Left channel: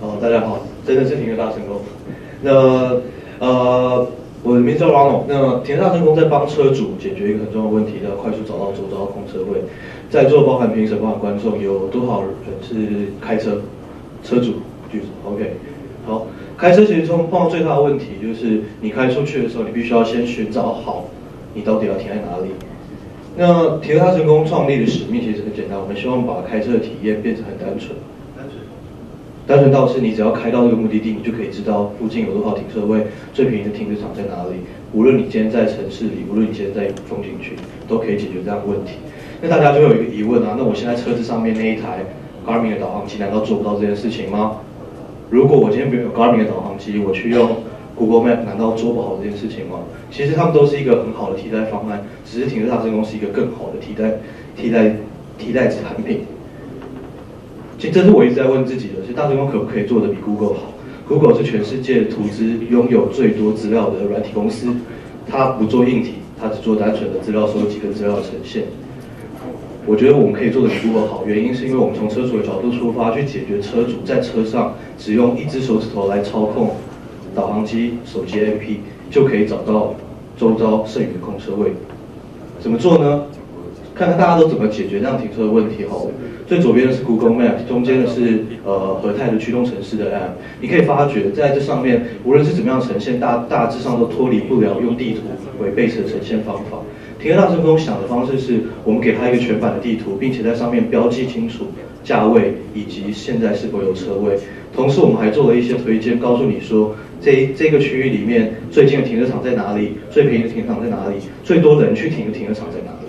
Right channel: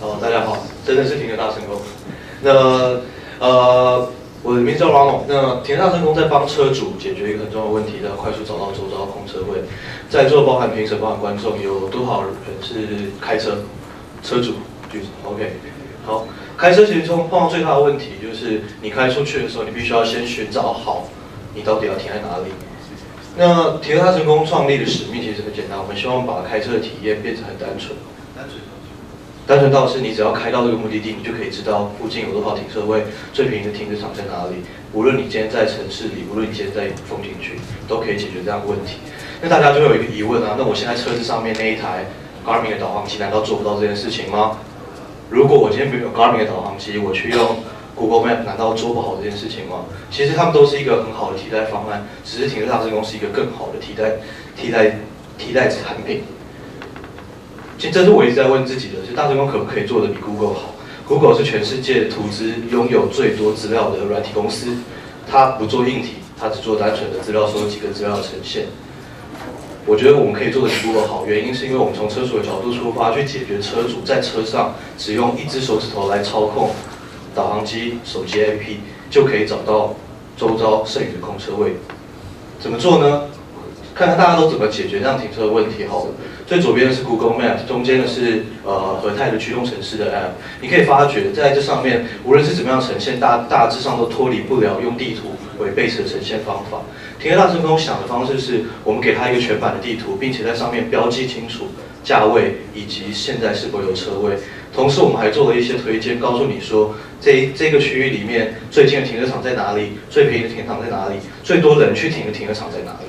大家好，真的是停车大成功。那我的名字叫 Ronald。那停车大成功在帮车主解决一个很重要的问题，要快速找到周遭空车位。在座包含评审、包含观众，有多少人是开车？车主举手。OK， 好。开车其实碰到最大的问题就是你开出去的时候，你必须要先寻找好你到底要停在哪里。那停车大成功创立的使命其实很简单，我们希望把开车的体验变成很单纯。单纯到是你只要开到这个目的地，你就可以知道附近有多少停车位，最便宜的停车场在哪里。无论你今天在城市里，无论你今天在风景区，都可以解决这样的问题。那大家就会有一个疑问啊，那我现在车子上面那一台 Garmin 的导航机难道做不到这件事情吗？如果我今天没有 Garmin 的导航机，我去用 Google Map， 难道做不好这件事情吗？其实它们都是一个很好的替代方案，只是停车大成功是一个更好的替代产品。其实这是我一直在问自己的，是大成功可不可以做得比 Google 好 ？Google 是全世界图资拥有最多资料的软体公司，它不做硬体，它只做单纯的资料收集跟资料呈现。我觉得我们可以做得比 Google 好，原因是因为我们从车主的角度出发，去解决车主在车上只用一只手指头来操控导航机、手机 APP 就可以找到周遭剩余的空车位。怎么做呢？看看大家都怎么解决这样停车的问题好了。最左边的是 Google Map， 中间的是和泰的驱动城市的 App。你可以发觉在这上面，无论是怎么样呈现，大致上都脱离不了用地图为 base 的呈现方法。停车大成功想的方式是，我们给它一个全版的地图，并且在上面标记清楚价位以及现在是否有车位。同时，我们还做了一些推荐，告诉你说这个区域里面最近的停车场在哪里，最便宜的停车场在哪里，最多人去停的停车场在哪里。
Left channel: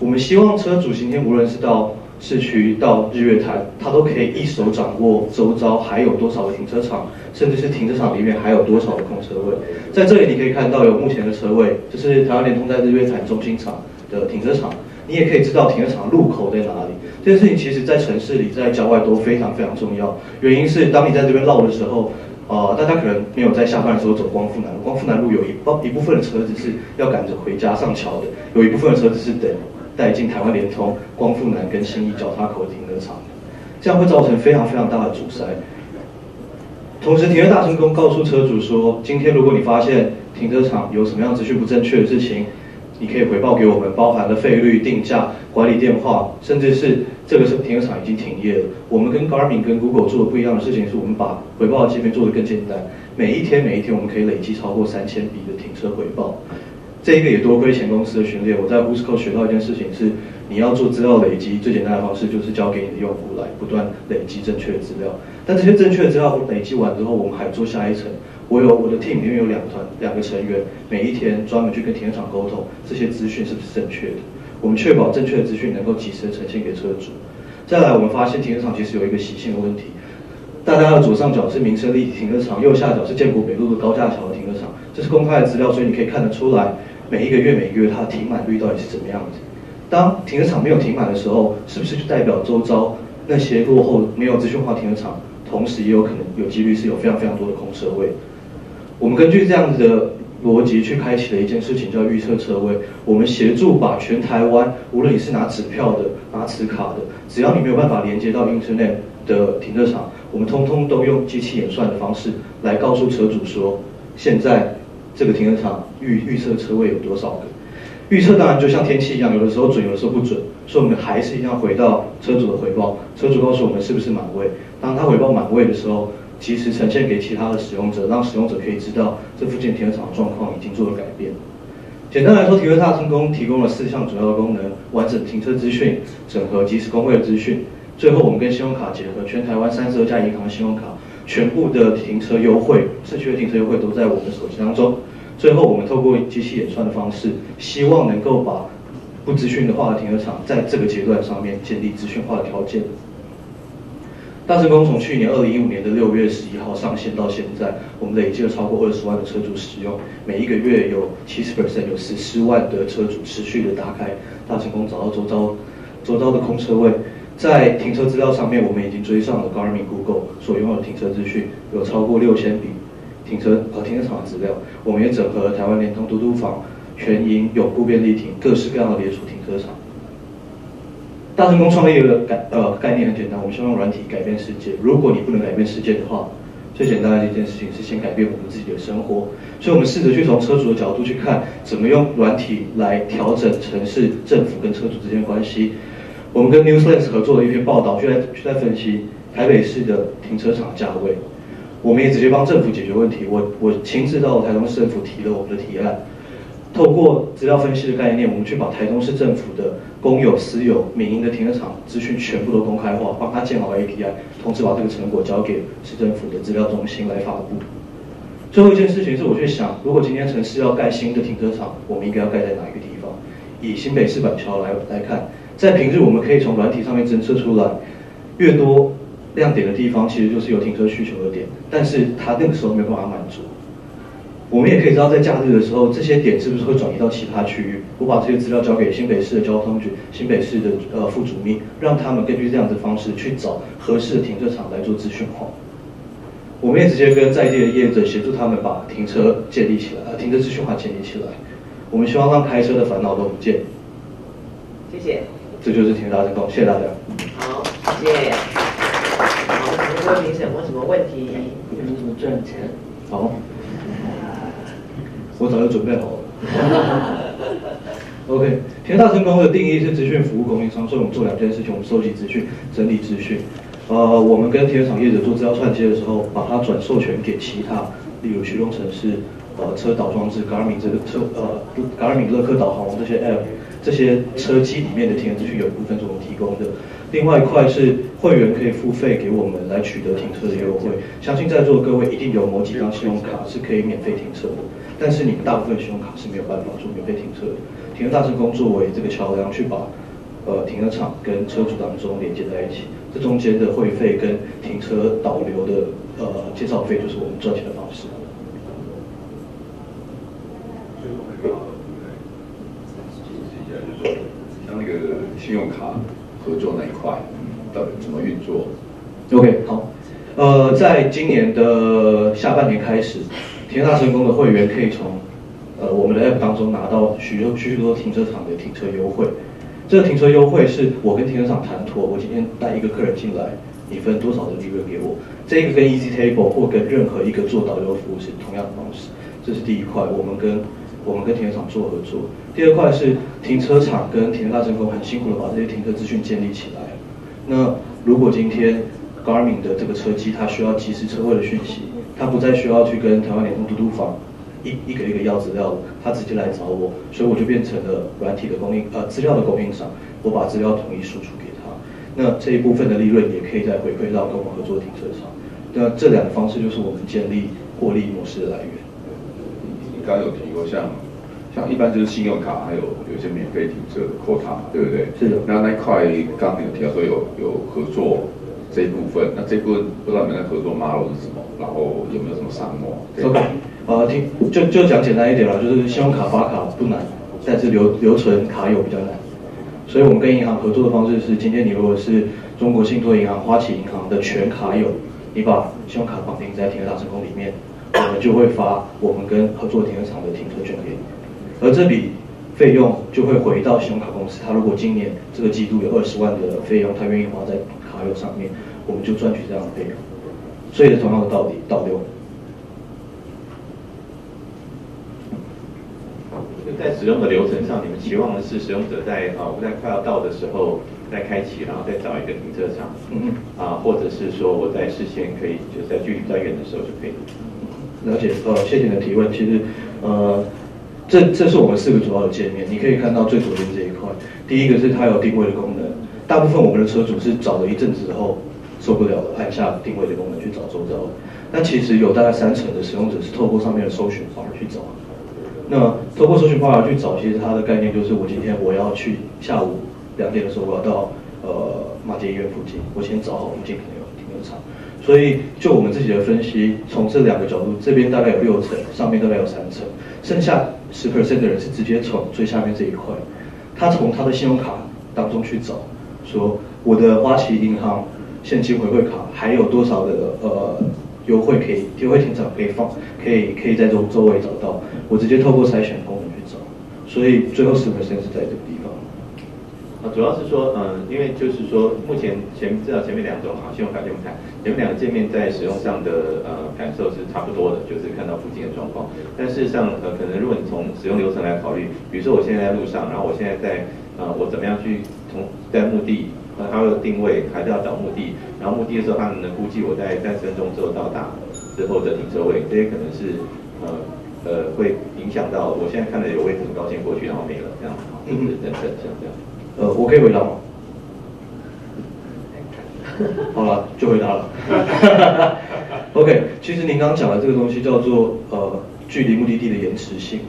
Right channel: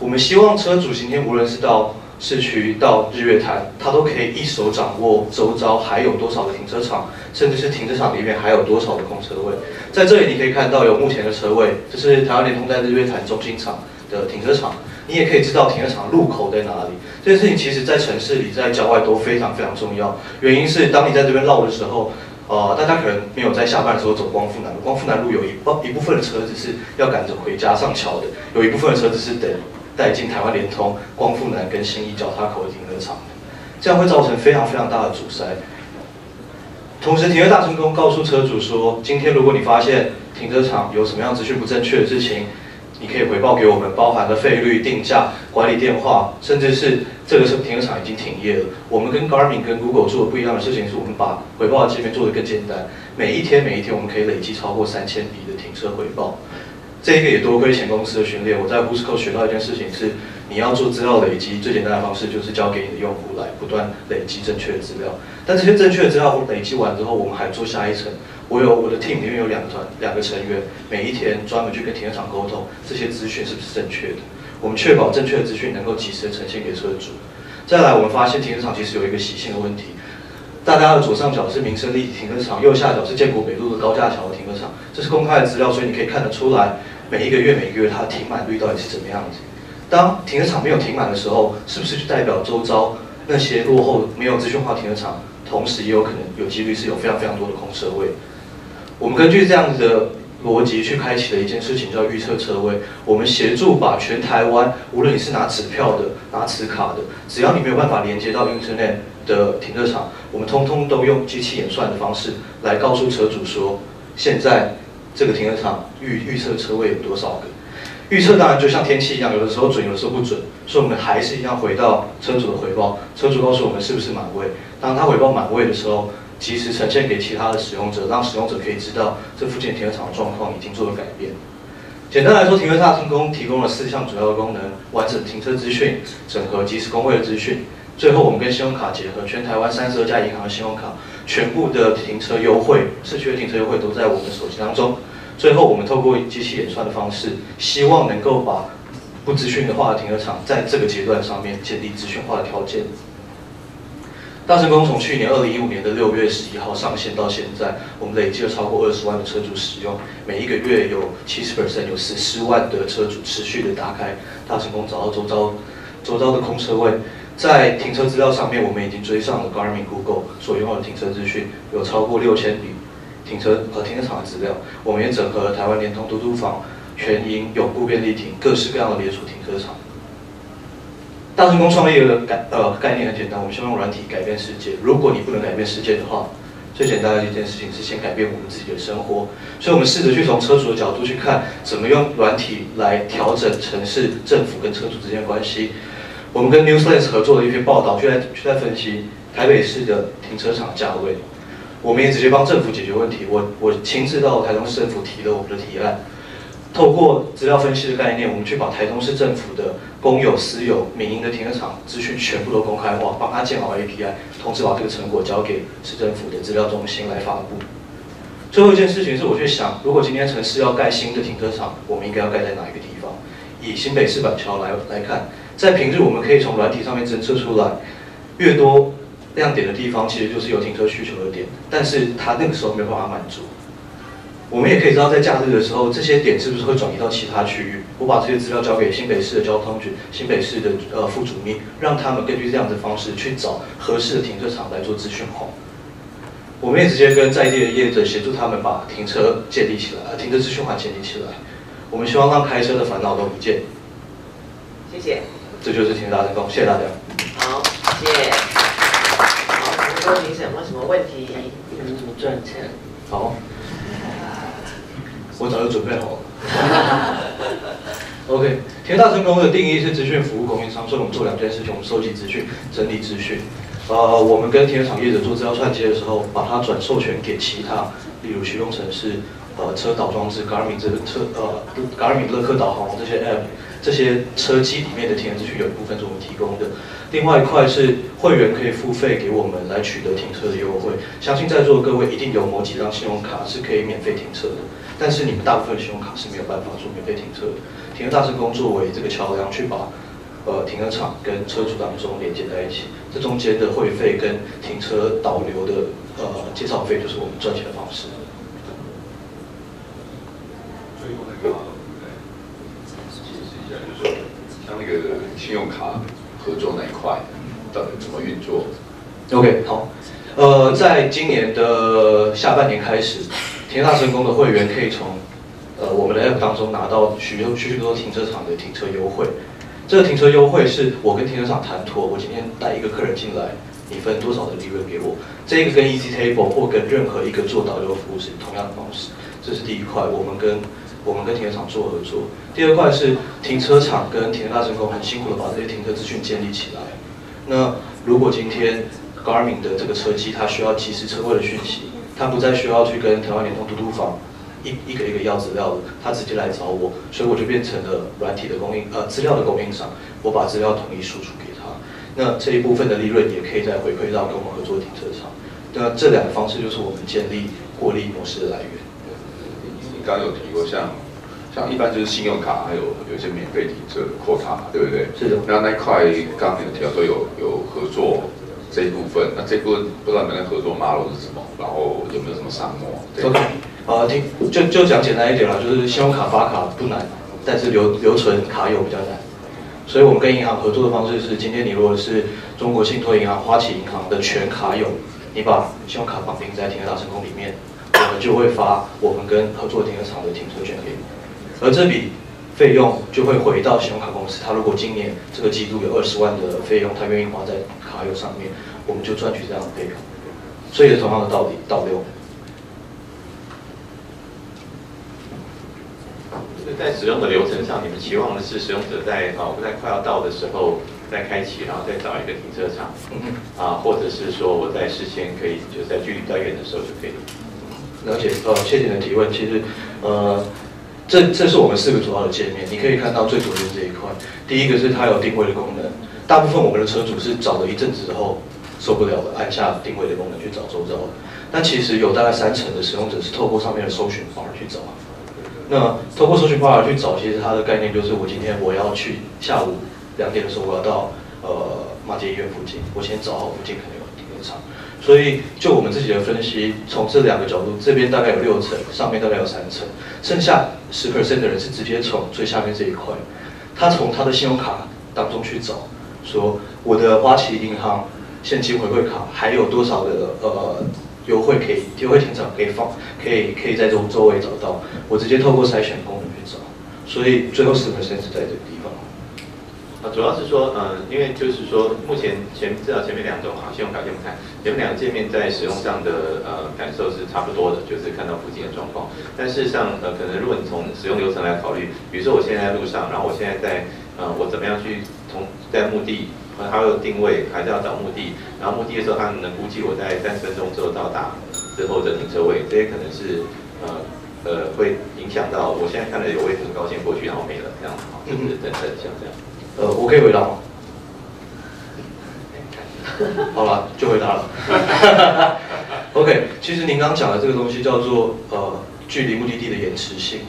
我们希望车主今天无论是到市区到日月潭，他都可以一手掌握周遭还有多少的停车场，甚至是停车场里面还有多少的空车位。在这里你可以看到有目前的车位，这是台湾联通在日月潭中心场的停车场。你也可以知道停车场入口在哪里。这件事情其实在城市里、在郊外都非常非常重要。原因是当你在这边绕的时候，大家可能没有在下班的时候走光复南路。光复南路有一部分的车子是要赶着回家上桥的，有一部分的车子是等带进台湾联通、光复南跟信义交叉口的停车场，这样会造成非常非常大的阻塞。同时，停车大成功告诉车主说，今天如果你发现停车场有什么样资讯不正确的事情，你可以回报给我们，包含了费率、定价、管理电话，甚至是这个停车场已经停业了。我们跟 Garmin 跟 Google 做的不一样的事情是，我们把回报的界面做得更简单，每一天我们可以累积超过3000笔的停车回报。这个也多亏前公司的训练，我在 Whoosco 学到一件事情是，你要做资料累积，最简单的方式就是交给你的用户来不断累积正确的资料。但这些正确的资料累积完之后，我们还做下一层。我的 team 里面有两个成员，每一天专门去跟停车场沟通，这些资讯是不是正确的？我们确保正确的资讯能够及时的呈现给车主。再来，我们发现停车场其实有一个习性的问题。大家的左上角是民生立体停车场，右下角是建国北路的高架桥的停车场，这是公开的资料，所以你可以看得出来，每一个月它的停满率到底是怎么样子。当停车场没有停满的时候，是不是就代表周遭那些落后没有资讯化停车场，同时也有可能有几率是有非常非常多的空车位？我们根据这样子的逻辑去开启了一件事情，叫预测车位。我们协助把全台湾，无论你是拿纸票的、拿磁卡的，只要你没有办法连接到 Internet 的停车场，我们通通都用机器演算的方式来告诉车主说，现在这个停车场预测车位有多少个。预测当然就像天气一样，有的时候准，有的时候不准，所以我们还是一样回到车主的回报，车主告诉我们是不是满位。当他回报满位的时候，及时呈现给其他的使用者，让使用者可以知道这附近停车场的状况已经做了改变。简单来说，停车大成功提供了4项主要的功能：完整停车资讯、整合即时工位的资讯。最后，我们跟信用卡结合，全台湾32家银行的信用卡，全部的停车优惠、市区的停车优惠都在我们手机当中。最后，我们透过机器演算的方式，希望能够把不资讯化的停车场在这个阶段上面建立资讯化的条件。大成功从去年2015年的6月11号上线到现在，我们累计了超过20万的车主使用，每一个月有70%，有14万的车主持续的打开大成功，找到周遭的空车位。在停车资料上面，我们已经追上了 Garmin、Google 所拥有的停车资讯，有超过6000笔停车场的资料。我们也整合了台湾联通、嘟嘟房、全营、永固便利停各式各样的连锁停车场。大成功创业的概念很简单，我们希望用软体改变世界。如果你不能改变世界的话，最简单的一件事情是先改变我们自己的生活。所以我们试着去从车主的角度去看，怎么用软体来调整城市、政府跟车主之间的关系。我们跟 Newslands 合作的一篇报道，就在分析台北市的停车场价位。我们也直接帮政府解决问题。我亲自到台中市政府提了我们的提案。透过资料分析的概念，我们去把台中市政府的公有、私有、民营的停车场资讯全部都公开化，帮他建好 API， 同时把这个成果交给市政府的资料中心来发布。最后一件事情是，我去想，如果今天城市要盖新的停车场，我们应该要盖在哪一个地方？以新北市板桥来看，在平日我们可以从软体上面侦测出来，越多亮点的地方，其实就是有停车需求的点，但是它那个时候没有办法满足。我们也可以知道，在假日的时候，这些点是不是会转移到其他区域？我把这些资料交给新北市的交通局、新北市的副主秘，让他们根据这样的方式去找合适的停车场来做资讯化。我们也直接跟在地的业者协助他们把停车建立起来，停车资讯化建立起来。我们希望让开车的烦恼都不见。谢谢。这就是停车大成功，谢谢大家。好，谢谢。好，各位评审有什么问题？怎么赚钱？好。我早就准备好了。OK， 停车大成功的定义是资讯服务供应商，所以我们做2件事情：我们收集资讯、整理资讯。我们跟停车场业者做资料串接的时候，把它转授权给其他，例如驱动程式、车导装置、Garmin 这个Garmin 乐客导航网这些 App， 这些车机里面的停车资讯有一部分是我们提供的。另外一块是会员可以付费给我们来取得停车的优惠。相信在座的各位一定有某几张信用卡是可以免费停车的。但是你们大部分的信用卡是没有办法做免费停车的。停车大成功作为这个桥梁，去把停车场跟车主当中连接在一起，这中间的会费跟停车导流的介绍费，就是我们赚钱的方式。像那个信用卡合作那一块，到底怎么运作 ？OK， 好，在今年的下半年开始。停车大成功的会员可以从我们的 App 当中拿到许多停车场的停车优惠。这个停车优惠是我跟停车场谈妥，我今天带一个客人进来，你分多少的利润给我。这个跟 Easy Table 或跟任何一个做导流服务是同样的方式。这是第一块，我们跟停车场做合作。第二块是停车场跟停车大成功很辛苦的把这些停车资讯建立起来。那如果今天 Garmin 的这个车机它需要即时车位的讯息。他不再需要去跟台湾联通嘟嘟房一个要资料了，他直接来找我，所以我就变成了软体的资料的供应商，我把资料统一输出给他，那这一部分的利润也可以再回馈到跟我们合作的停车场。那这2个方式就是我们建立获利模式的来源。你刚刚有提过像一般就是信用卡，还有一些免费停车的quota，对不对？是的。那一块刚刚有提到说有合作。这一部分，那这一部分不知道你们的合作 model 是什么，然后有没有什么沙漠 ？OK， 就讲简单一点啦，就是信用卡发卡不难，但是留存卡友比较难。所以我们跟银行合作的方式是，今天你如果是中国信托银行、花旗银行的全卡友，你把信用卡绑定在停车大成功里面，我们就会发我们跟合作停车场的停车券给你，而这笔费用就会回到信用卡公司。他如果今年这个季度有20万的费用，他愿意花在卡友上面，我们就赚取这样的费用。所以是同样的道理，导流。在使用的流程上，你们期望的是使用者在快要到的时候再开启，然后再找一个停车场，或者是说我在事先可以就是在距离比较远的时候就可以。了解，谢谢你的提问。其实，这是我们4个主要的界面，你可以看到最左边这一块。第一个是它有定位的功能，大部分我们的车主是找了一阵子之后受不了了，按下定位的功能去找周遭。但其实有大概30%的使用者是透过上面的搜寻 bar 去找。那透过搜寻 bar 去找，其实它的概念就是我今天我要去下午2点的时候我要到马偕医院附近，我先找好附近可能有停车场。所以就我们自己的分析，从这2个角度，这边大概有6层，上面大概有3层，剩下10% 的人是直接从最下面这一块，他从他的信用卡当中去找，说我的花旗银行现金回馈卡还有多少的优惠可以优惠停车可以放，可以在周围找到，我直接透过筛选功能去找，所以最后10%是在这个地方。主要是说，因为就是说，目前至少前面2种信用卡先不看，前面2个界面在使用上的感受是差不多的，就是看到附近的状况。但事实上，可能如果你从使用流程来考虑，比如说我现在在路上，然后我现在在我怎么样去在目的，它有定位，还是要找目的，然后目的的时候，它能估计我在30分钟之后到达之后的停车位，这些可能是会影响到我现在看了有位可能高兴过去，然后没了这样子，就是等等像这样。我可以回答吗？好了，就回答了。OK， 其实您刚刚讲的这个东西叫做距离目的地的延迟性。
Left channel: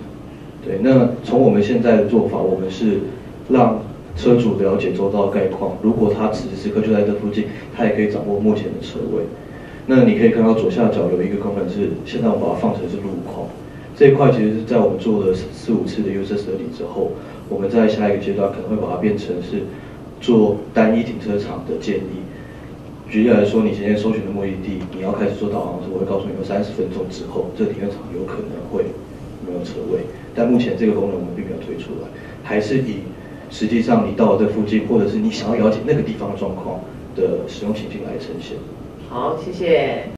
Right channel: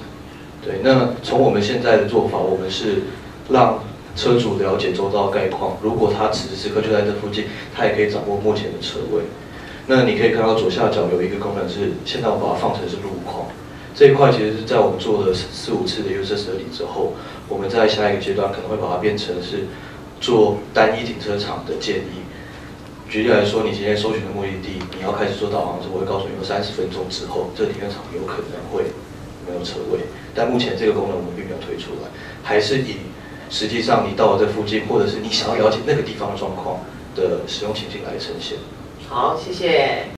对，那从我们现在的做法，我们是让车主了解周遭的概况，如果他此时此刻就在这附近，他也可以掌握目前的车位。那你可以看到左下角有一个功能是，现在我把它放成是路况。这一块其实是在我们做了4、5次的 user study 之后，我们在下一个阶段可能会把它变成是做单一停车场的建议。举例来说，你今天搜寻的目的地，你要开始做导航时，我会告诉你，有30分钟之后，这个停车场有可能会没有车位。但目前这个功能我们并没有推出来，还是以实际上你到了这附近，或者是你想要了解那个地方的状况的使用情境来呈现。好，谢谢。